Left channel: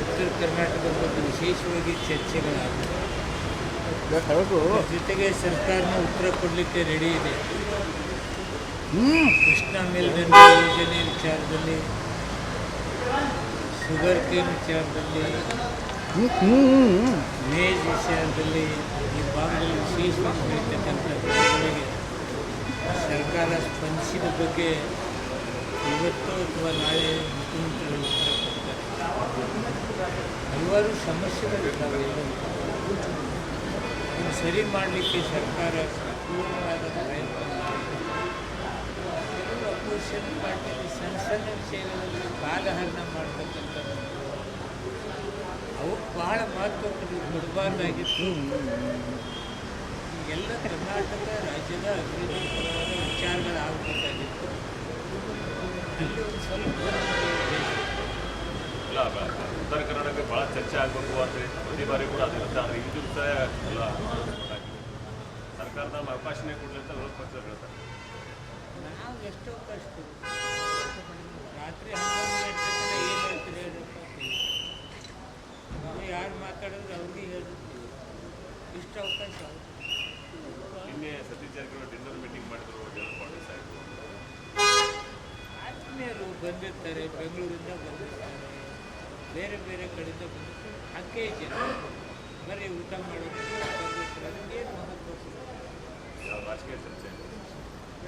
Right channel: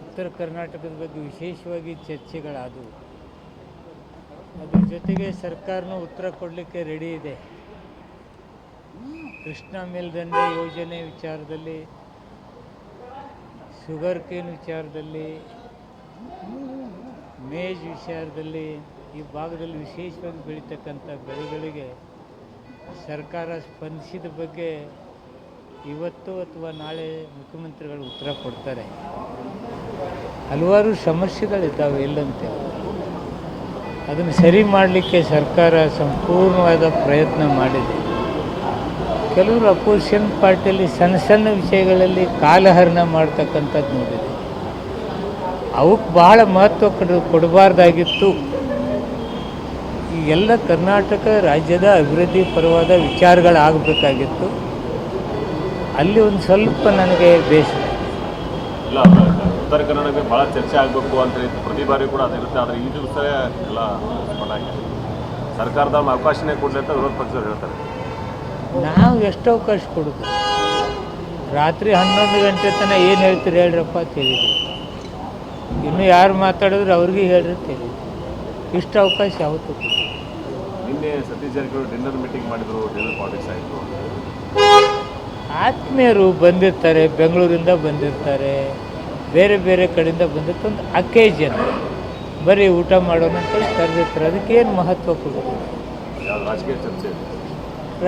ಉತ್ತರ ಕರ್ನಾಟಕದ ಬಗ್ಗೆ ವಿಶೇಷವಾಗಿ ಚರ್ಚೆಗಳಾಗುತ್ತೆ. ಜೊತೆಗೆ ಸರ್ಕಾರನ ಉತ್ತರ ಕೊಡಲಿಕ್ಕೆ ರೆಡಿ ಇದೆ. ಕೃಷ್ಣಾ ಮೇಲ್ದಂಡೆ ಯೋಜನೆ ವಿಚಾರದಲ್ಲಿ, ಶುಗರ್ ಕೇನ್ ವಿಚಾರದಲ್ಲಿ, ಮೇಜ್ ವಿಚಾರದಲ್ಲಿ ಈ ಭಾಗದಲ್ಲಿ ವಿಶೇಷವಾಗಿ ಬೆಳೀತಕ್ಕಂಥ ಬೆಳೆಗಳಿಗೆ ಸರ್ಕಾರ ಸ್ಪಂದಿಸಿದ ಬಗ್ಗೆ ಇವತ್ತು ಅಥವಾ ನಾಳೆ ಮುಖ್ಯಮಂತ್ರಿಗಳು ಉತ್ತರ ಕೊಡ್ತಾರೆ. ಹಲವಾರು ಸಮಸ್ಯೆಗಳಿದ್ದಾವೆ ಇಲ್ಲಂತೆ. ಅದನ್ನು ಸರಿ ಮಾಡಲಿಕ್ಕೆ ಸರ್ಕಾರ ಸಂಪೂರ್ಣವಾದ ಪ್ರಯತ್ನ ಮಾಡಿದೆ. ಕೆಲವರು ಅಪೋಸಿಷನ್ ಪಾರ್ಟಿಯಲ್ಲಿ ಸಣ್ಣ ಸಣ್ಣ ವಿಷಯಗಳಲ್ಲಿ ಕಾಲಹರಣ ಮಾಡ್ತಕ್ಕಂಥದ್ದು ನೋಡಿದೆ. ಅವಕ್ಕೆ ಬಹಳ ಮಹತ್ವ ಕೊಡಬಾರ್ದಾಗಿತ್ತು. ಈಗೆಲ್ಲ ಕರ್ನಾಟಕ ರಾಜ್ಯದ ಅಭಿವೃದ್ಧಿ ಪರವಾದ ವಿಚಾರಗಳಾಗಬೇಕಾಗಿತ್ತು. ಅಲ್ಲಿ ಒಂದು ಸ್ವಲ್ಪ ನನಗೆ ಬೇಸರ. ಇಲ್ಲ, ಉತ್ತರ ಕನ್ನಡಕ್ಕೆ ಭಾಳ ಚರ್ಚೆ ಆಗಬೇಕು ಅಂತ ಪ್ರತಿ ಬಾರಿ ಕೂಡ ಅದಿರುತ್ತೆ. ಆದರೆ ಈ ದಿವಸ ಎಲ್ಲ ಸರ್ಕಾರದ ಅವಕಾಶನೇ ಕೊಡಲಿ ಅಂತ ವಿರೋಧ ಪಕ್ಷದವ್ರು ಹೇಳ್ತಾರೆ. ನಾವು ಎಷ್ಟು ಅವಕಾಶ ಕೊಡೋದು? ರಾತ್ರಿ 11 ಗಂಟೆ ತನಕ ಏನು ಹೇಳ್ತೀರಿ ಹೇಳ್ರಪ್ಪ ತಿಳಿದ್ವಿ. ಇನ್ನು ಯಾರು ಮಾತಾಡಿದ್ರು ಅವ್ರಿಗೆ ಹೇಳ್ರಿ ತಿಳಿದ್ವಿ. ಇಷ್ಟು ಅವಕಾಶ ಯಾವತ್ತೂ ಕೊಡಿ. ನಿನ್ನೆ ಸತೀಶ್ ಜಾರಕಿಹೊಳಿ ಡಿನ್ನರ್ ಮೀಟಿಂಗ್ ಮಾಡಿದ್ರು, ಡಿನ್ನರ್ ಪಾಲಿಟಿಕ್ಸ್ ಆಯಿತು. ಆತ್ಮೀಯರು ಬಂದಿರ್ತಾರೆ, ಬೆಂಗಳೂರಿಂದ ಬಂದಿರ್ತಾರೆ, ಬೇರೆ ಬೇರೆ ಕಡೆಯಿಂದ ಬಂದಿರ್ತಾರೆ. ಒಂದು ಅಕೇಜನ್ ಬರೀ ಊಟ ಮಾಡೋಣ ಅಂತೇಳಿ ಕರೆದಿರ್ತಾರೆ. ಅದಕ್ಕೇನು ಮಹತ್ವ ಕೊಡೋದು? ರಾಜಕೀಯ ಚರ್ಚೆ,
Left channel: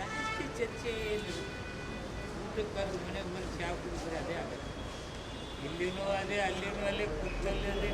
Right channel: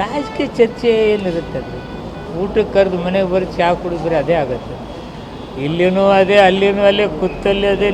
ರಾಜಕೀಯ ಚರ್ಚೆ ಏನಿರುತ್ತೆ? ಅದು ಊಟಕ್ಕೆ ಕರೆದು ಮನೆಗೆ ಬರೀ ಚಹಾ ಕುಡಿದ್ರೆ ಅದೇ ಆಗುತ್ತೆ. ಇಲ್ಲಿನೂ ಅದೇ, ಅಲ್ಲಿನೂ ಅಲ್ಲೇ, ಕೂತಲ್ಲಿ ಅದೇ.